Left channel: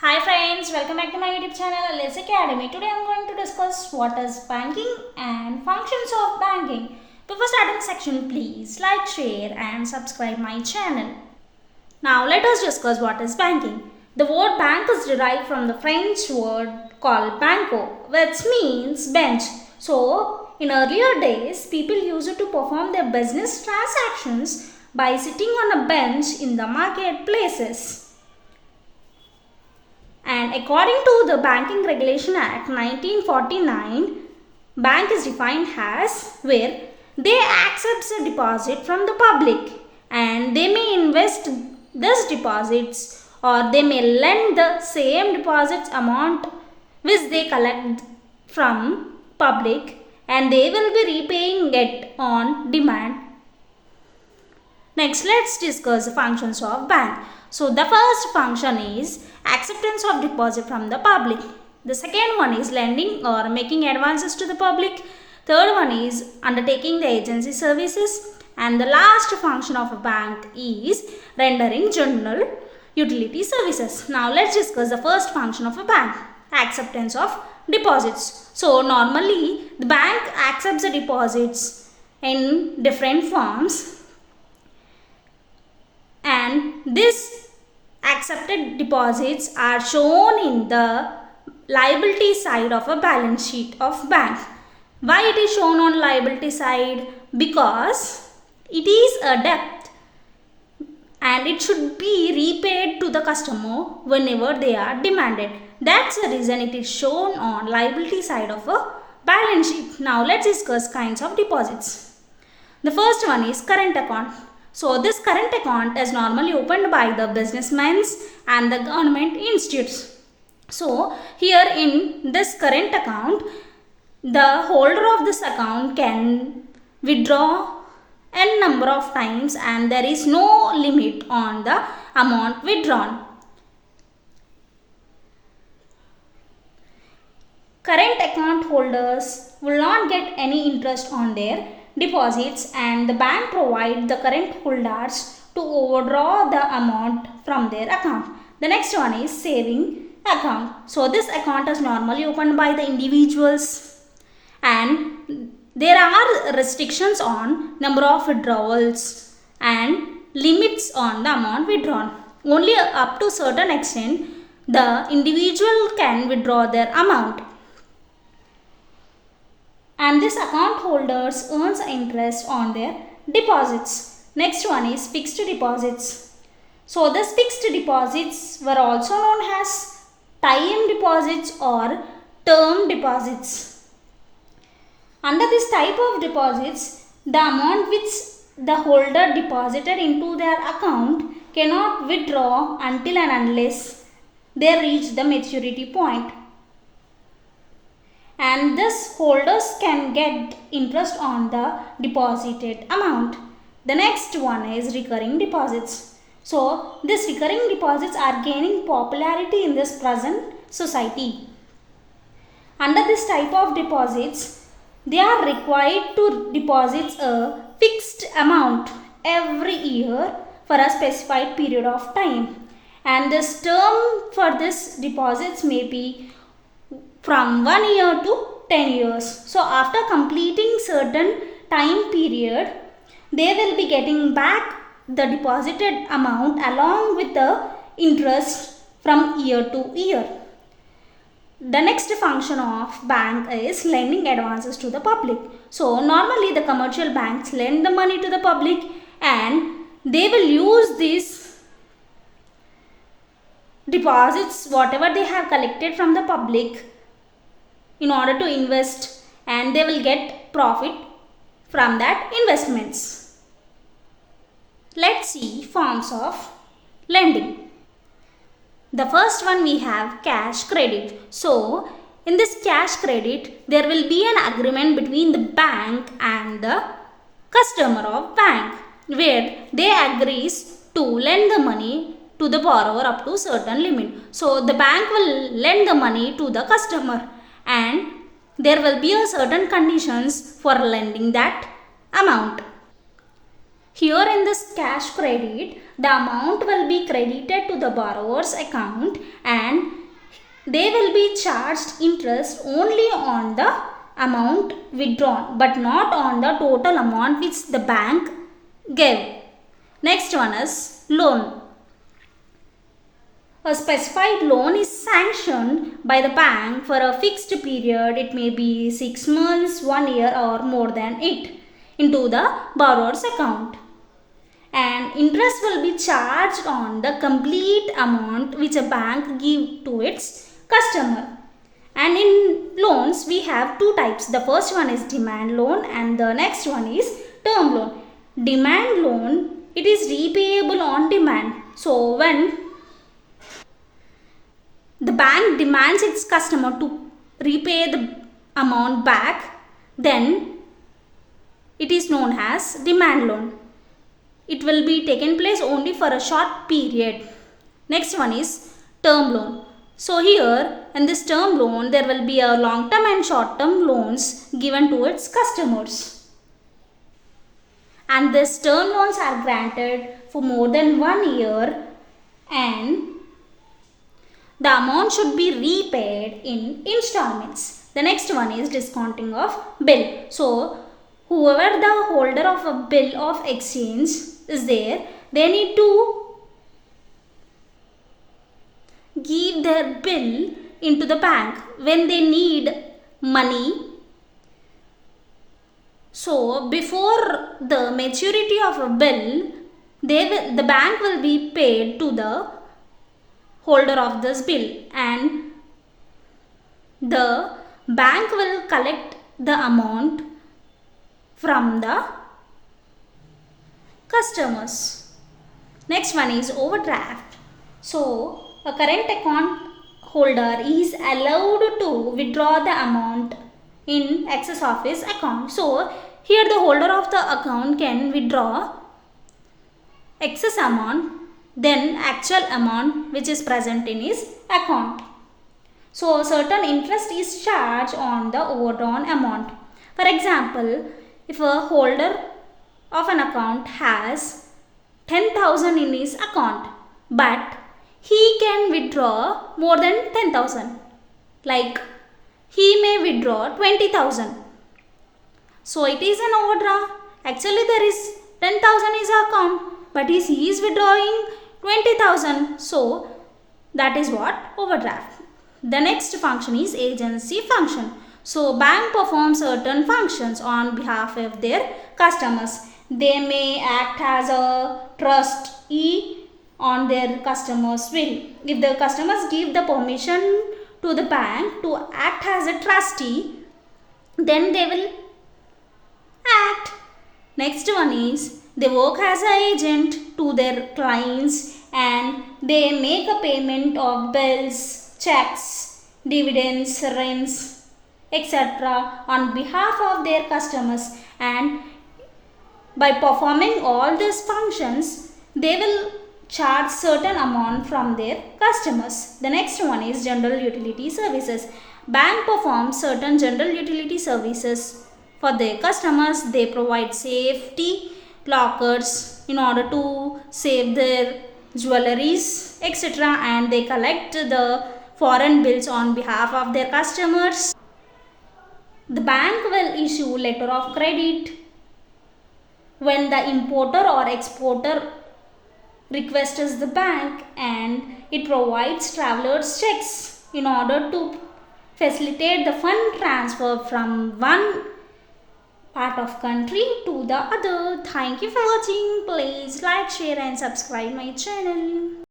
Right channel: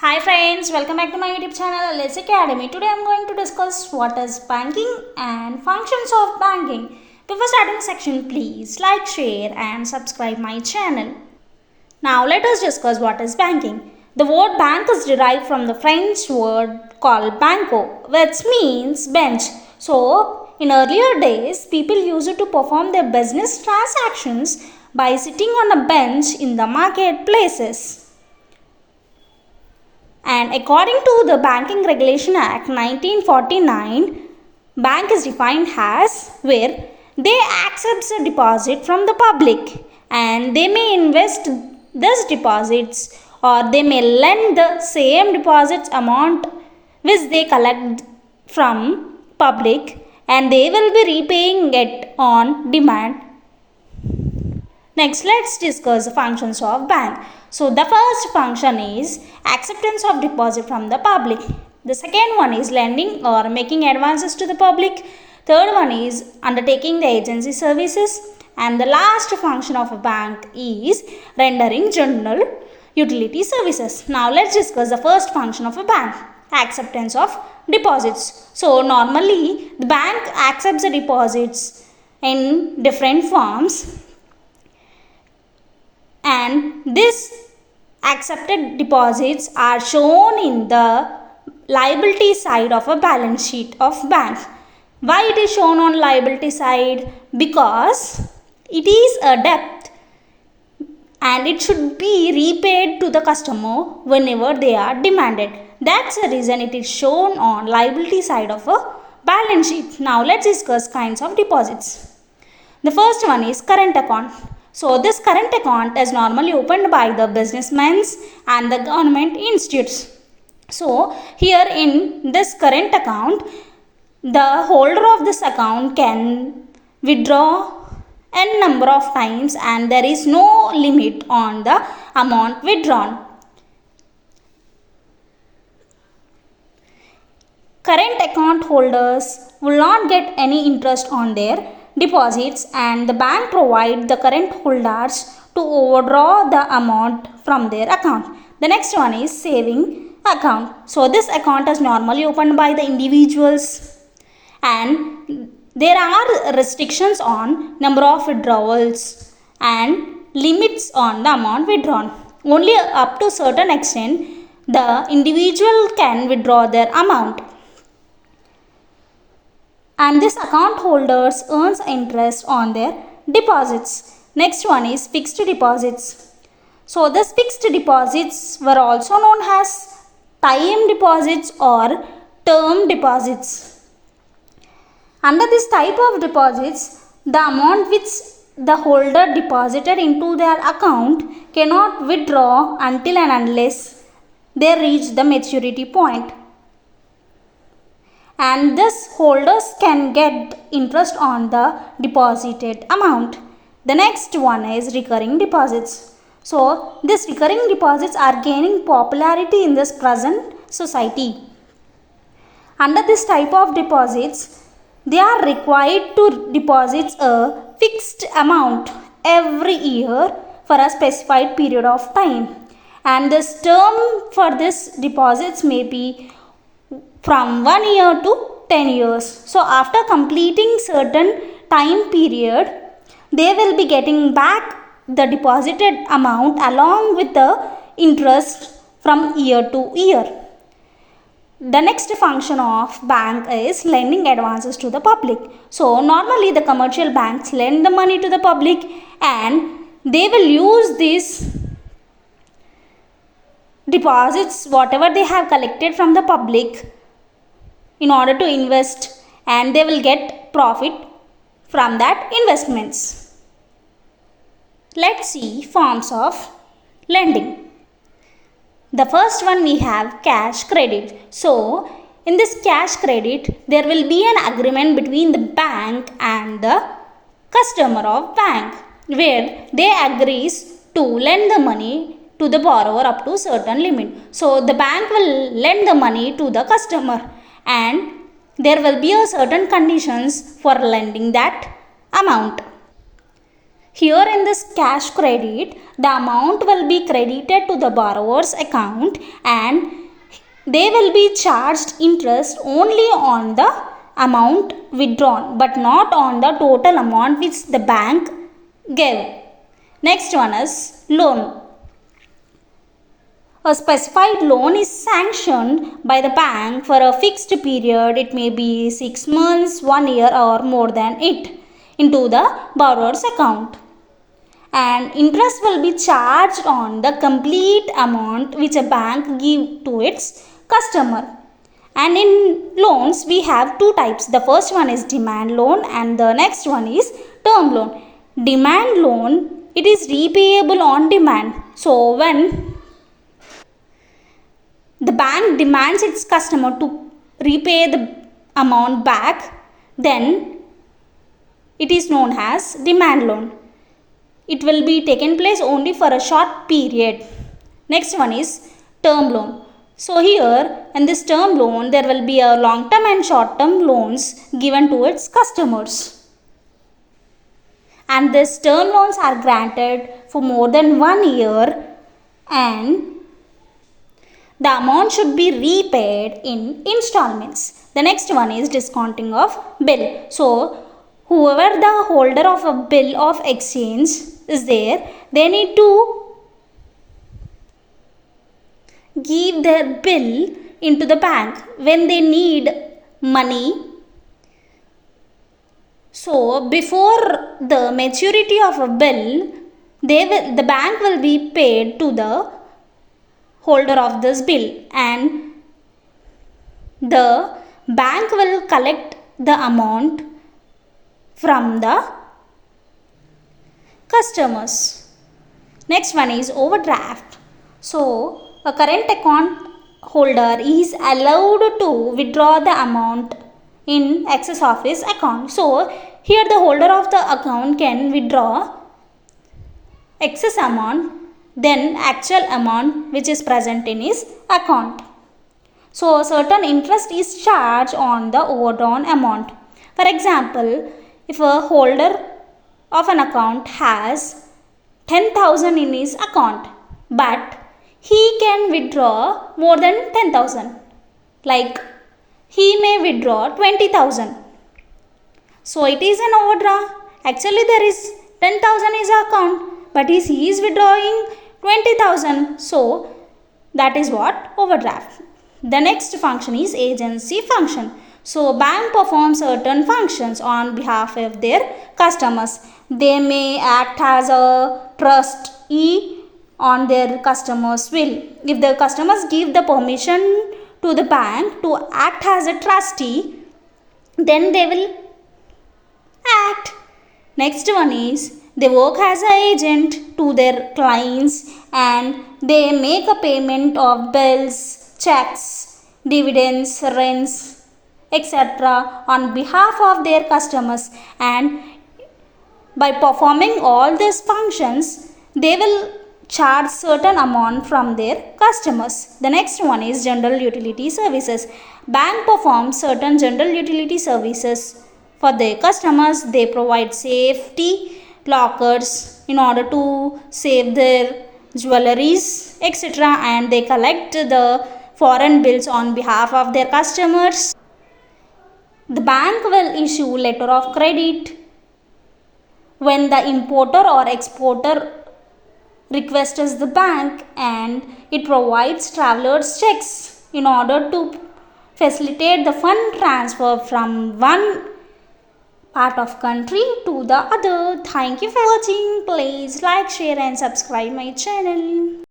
Hi friends, welcome back to my YouTube channel lsacademy. Today I am going to discuss what is banking and functions of banking. Before starting the section, please like, share and subscribe my channel. Now let us discuss what is banking. The word bank is derived from the French word called banco, which means bench. So in earlier days, people used it to perform their business transactions by sitting on a bench in the marketplaces. And according to the Banking Regulation Act 1949, bank is defined as where they accept a deposit from the public and they may invest these deposits or they may lend the same deposits amount which they collect from public and they will be repaying it on demand. Next, let's discuss the functions of bank. So the first function is acceptance of deposit from the public. The second one is lending or making advances to the public. Third one is undertaking the agency services. And the last function of a bank is rendering general utility services. Now let's discuss the first function of a bank, acceptance of deposits. So normally the bank accepts the deposits in different forms. And these accepted deposits are shown in the liability side of a balance sheet of bank. Why it is shown on liability side? Because it is a debt and it should be repaid to the customer whenever they are demanded. That's the reason it is shown on liability side of a balance sheet. Now let's discuss kinds of deposits. The first one is current account. So this current account is normally opened by the businessmen and the government institutes. So here in this current account, the holder of this account can withdraw n number of times and there is no limit on the amount withdrawn. Current account holders will not get any interest on their deposits and the bank provide the current holders to overdraw the amount from their account. The next one is saving account. So this account is normally opened by the individuals and there are restrictions on number of withdrawals and limits on the amount withdrawn. Only up to certain extent the individual can withdraw their amount. And this account holders earns interest on their deposits. Next one is fixed deposits. So this fixed deposits were also known as time deposits or term deposits. Under this type of deposits, the amount which the holder deposited into their account cannot withdraw until and unless they reach the maturity point. And thus holders can get interest on the deposited amount. The next one is recurring deposits. So these recurring deposits are gaining popularity in this present society. Under this type of deposits, they are required to deposit a fixed amount every year for a specified period of time. And this term for this deposits may be from 1 year to 10 years. So after completing certain time period, they will be getting back the deposited amount along with the interest from year to year. The next function of bank is lending advances to the public. So normally the commercial banks lend the money to the public and they will use these deposits whatever they have collected from the public in order to invest and they will get profit from that investments. Let's see forms of lending. The first one we have cash credit. So in this cash credit there will be an agreement between the bank and the customer of bank where they agrees to lend the money to the borrower up to certain limit. So the bank will lend the money to the customer and there will be a certain conditions for lending that amount. Here in this cash credit, the amount will be credited to the borrower's account and they will be charged interest only on the amount withdrawn but not on the total amount which the bank gave. Next one is loan. A specified loan is sanctioned by the bank for a fixed period. It may be 6 months, 1 year or more than it into the borrower's account. And interest will be charged on the complete amount which a bank give to its customer. And in loans we have two types. The first one is demand loan and the next one is term loan. Demand loan, it is repayable on demand. So when the bank demands its customer to repay the amount back, then it is known as demand loan. It will be taken place only for a short period. Next one is term loan. So here in this term loan there will be a long term and short term loans given to its customers. And these term loans are granted for more than 1 year and the amount should be repaid in installments. The next one is discounting of bill. So whoever the holder of a bill of exchange is there, they need to give their bill into the bank when they need money. So before the maturity of a bill, the bank will be paid to the holder of this bill and the bank will collect the amount from the customers. Next one is overdraft. So a current account holder is allowed to withdraw the amount in excess of his account. So here the holder of the account can withdraw excess amount than actual amount which is present in his account. So certain interest is charged on the overdrawn amount. For example, if a holder of an account has 10,000 in his account but he can withdraw more than 10,000, like he may withdraw 20,000. So it is an overdraft. Actually there is 10,000 in his account but he is withdrawing 20,000. So that is what overdraft. The next function is agency function. So bank performs certain functions on behalf of their customers. They may act as a trustee on their customers' will. If the customers give the permission to the bank to act as a trustee, then they will act. Next one is they work as an agent to their clients and they make a payment of bills, checks, dividends, rents, etc. on behalf of their customers, and by performing all these functions they will charge certain amount from their customers. The next one is general utility services. Bank performs certain general utility services for their customers. They provide safety lockers in order to save their jewelries, etc. and they collect the foreign bills on behalf of their customers. The bank will issue letter of credit when the importer or exporter requests the bank, and it provides travelers checks in order to facilitate the fund transfer from one part of country to the other. Thank you for watching. Please like, share and subscribe my channel.